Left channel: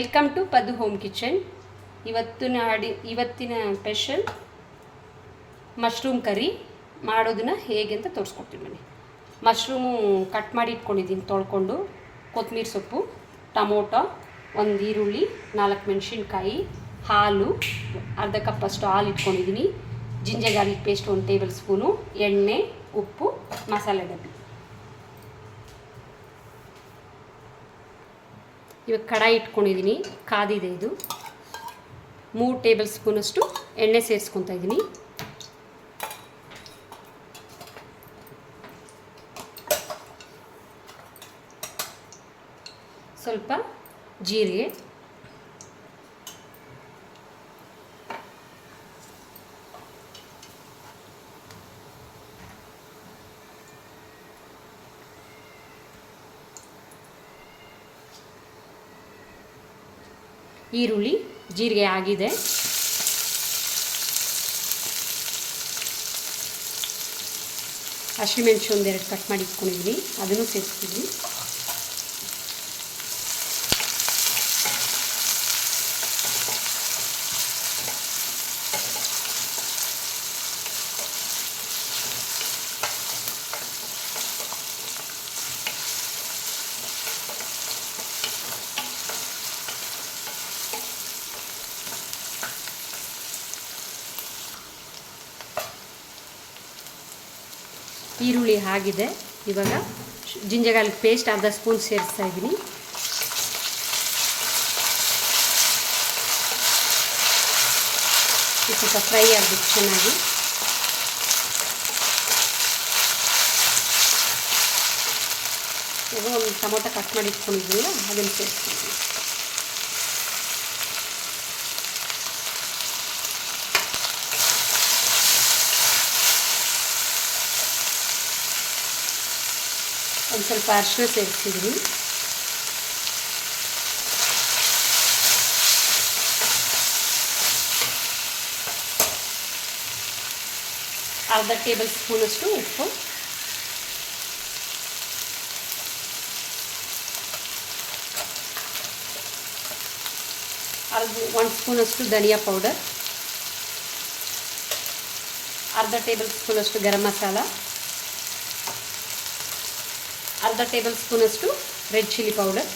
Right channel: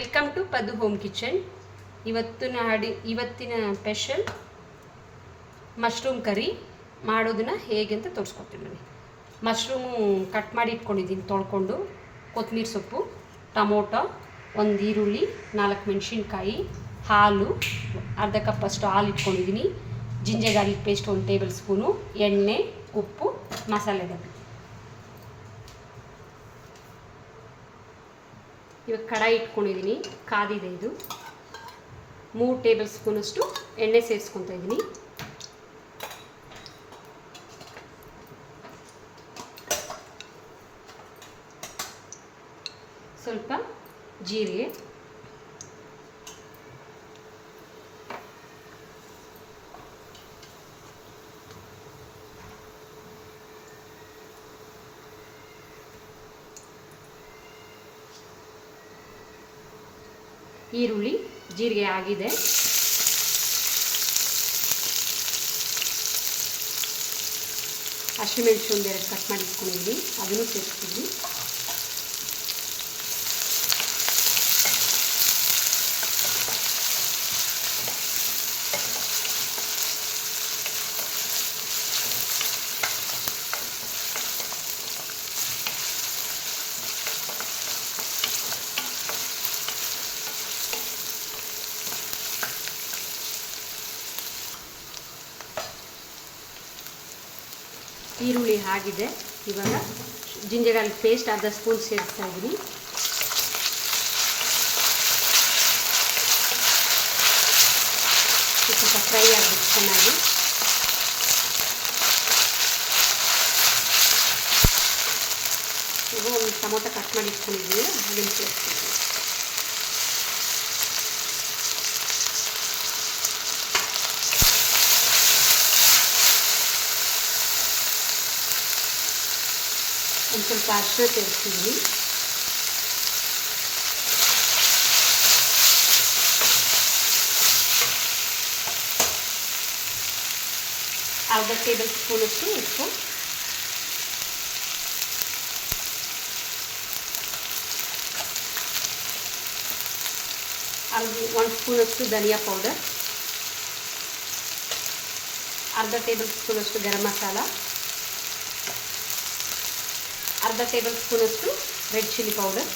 Welcome to Padu home kitchen. ಇವತ್ತಿನ special mushroom curry ಮಾಡೋದನ್ನ ಹೇಗೆ ಅಂತ ತೋರಿಸ್ಕೊಡ್ತೀನಿ ನಾನು. ಮಶ್ರೂಮು ಕಟ್ ಮಾಡಿ ಇಟ್ಕೊಂಡಿದ್ದೀನಿ ತೊಳ್ಕೊಂಡು, ಕೊತ್ತಂಬರಿ ಸೊಪ್ಪು, ಟೊಮೊಟೊ, ಒಂದು ಈರುಳ್ಳಿ, 4 ಮೆಣಸಿನ್ಕಾಯಿ, ಹಾಲು ಅರ್ಧ ಕಪ್ಪಷ್ಟು ಹಾಲು ಇಟ್ಕೊಂಡಿದ್ದೀನಿ, ginger garlic paste 1 table spoon, ಎಣ್ಣೆ, ಉಪ್ಪು, ಮಸಾಲೆ ಡಬ್ಬಿ. ಇವಾಗ ಕಡಾಯಿ ಇಟ್ಕೊಂಡಿದ್ದೀನಿ, ಕಾದಿದೆ. ಇದು 3 ಟೇಬಲ್ ಸ್ಪೂನಷ್ಟು ಎಣ್ಣೆ ಸೇರಿಸ್ಕೊತಾ ಇದ್ದೀನಿ. ಸ್ವಲ್ಪ ಜೀರಿಗೆ, ಈರುಳ್ಳಿ, ಜೀರಿಗೆ ಆಗಿದೆ. ಹಸಿಮೆಣಸು ಒಂದೆರಡು ಕಟ್ ಮಾಡಿ ಇಟ್ಕೊಂಡಿದ್ದೀನಿ, ಅದನ್ನು ಸೇರಿಸ್ತೀನಿ. ಈರುಳ್ಳಿ ಆಗಿದೆ. ಇವಾಗ ಜಿಂಜರ್ ಗಾರ್ಲಿಕ್ ಪೇಸ್ಟ್ ಅರ್ಧ ಸ್ಪೂನ್ ಸೇರಿಸ್ತಾ ಇದ್ದೀನಿ. ಸ್ವಲ್ಪ ಫ್ರೈ ಆಗಬೇಕು ಚೆನ್ನಾಗಿ. ಇವಾಗ ಒಂದು ಟೊಮೊಟೊ ಕಟ್ ಮಾಡಿ ಇಟ್ಕೊಂಡಿದ್ದೀವಿ, ಅದನ್ನು ಸೇರಿಸ್ತೀನಿ. ಒಂದು ಸ್ವಲ್ಪ ಅರಿಶಿನ ಸೇರಿಸ್ತಿದ್ದೀನಿ. ಅರ್ಧ ಟೇಬಲ್ ಸ್ಪೂನಷ್ಟು ಉಪ್ಪು, ಒಂದು ಸ್ಪೂನಷ್ಟು ಧನಿಯಾ ಪೌಡರ್, ಅರ್ಧ ಟೇಬಲ್ ಸ್ಪೂನಷ್ಟು ಗರಂ ಮಸಾಲ, ಅರ್ಧ ಟೇಬಲ್ ಸ್ಪೂನಷ್ಟು ರೆಡ್ ಚಿಲ್ಲಿ ಪೌಡರ್,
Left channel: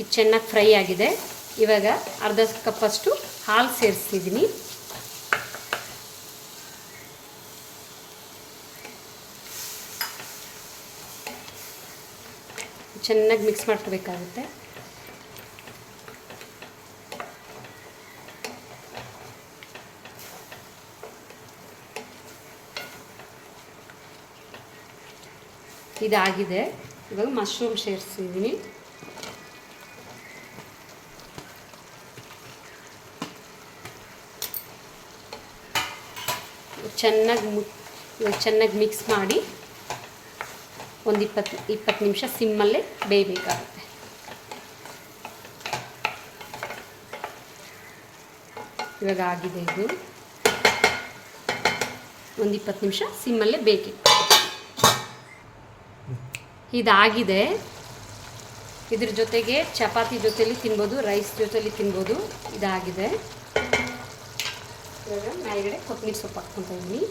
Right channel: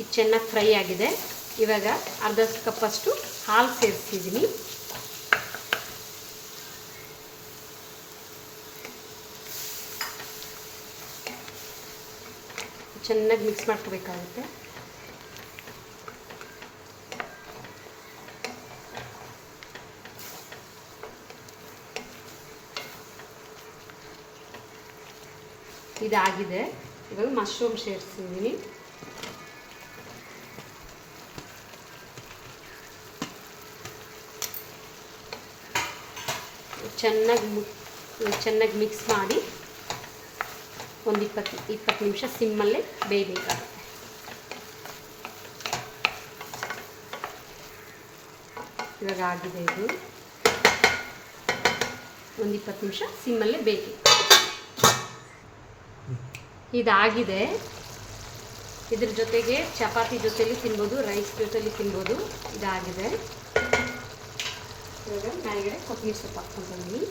ಇದು ಚೆನ್ನಾಗಿ ಫ್ರೈ ಆಗಿದೆ. ಇವಾಗ ಅರ್ಧ ಕಪ್ಪಷ್ಟು ಹಾಲು ಸೇರಿಸ್ತಿದ್ದೀನಿ. ಚೆನ್ನಾಗಿ ಮಿಕ್ಸ್ ಮಾಡ್ಕೋಬೇಕಾಗುತ್ತೆ. ಇದಾಗಿದೆ. ಇವಾಗ ಮಶ್ರೂಮ್ ಸೇರಿಸಿದ್ದೀನಿ. ಚೆನ್ನಾಗಿ ಮಿಕ್ಸ್ ಮಾಡಿ ಒಂದು 20 ನಿಮಿಷ ಸಿಮ್ಮಲ್ಲೇ ಬೇಯಬೇಕಾಗುತ್ತೆ. ಇವಾಗ ಆಗಿದೆ. ಇದು ಒಂದು 20 ನಿಮಿಷ ಸಿಮ್ಮಲ್ಲೇ ಬೇಕಿ. ಇದಾಗಿದೆ. ಇದ್ರ ಜೊತೆಗೆ ಚಪಾತಿ ಜೊತೆಲಿ ತಿನ್ಬೋದು, ರೈಸ್ ಜೊತೆಲಿ ತಿನ್ಬೋದು. ಇದಾಗಿದೆ. ಇವಾಗ ಮೇಲ್ಗಡೆ ಕೊತ್ತಂಬರಿ ಸೊಪ್ಪು ಹಾಕ್ಕೊಂಡಿದ್ದೀನಿ.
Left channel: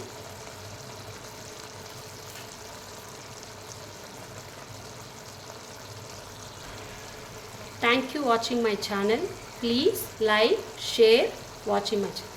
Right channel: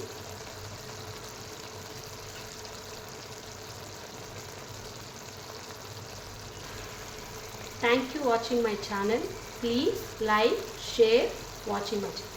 Thank you watching my channel. Please like, share, watching my channel.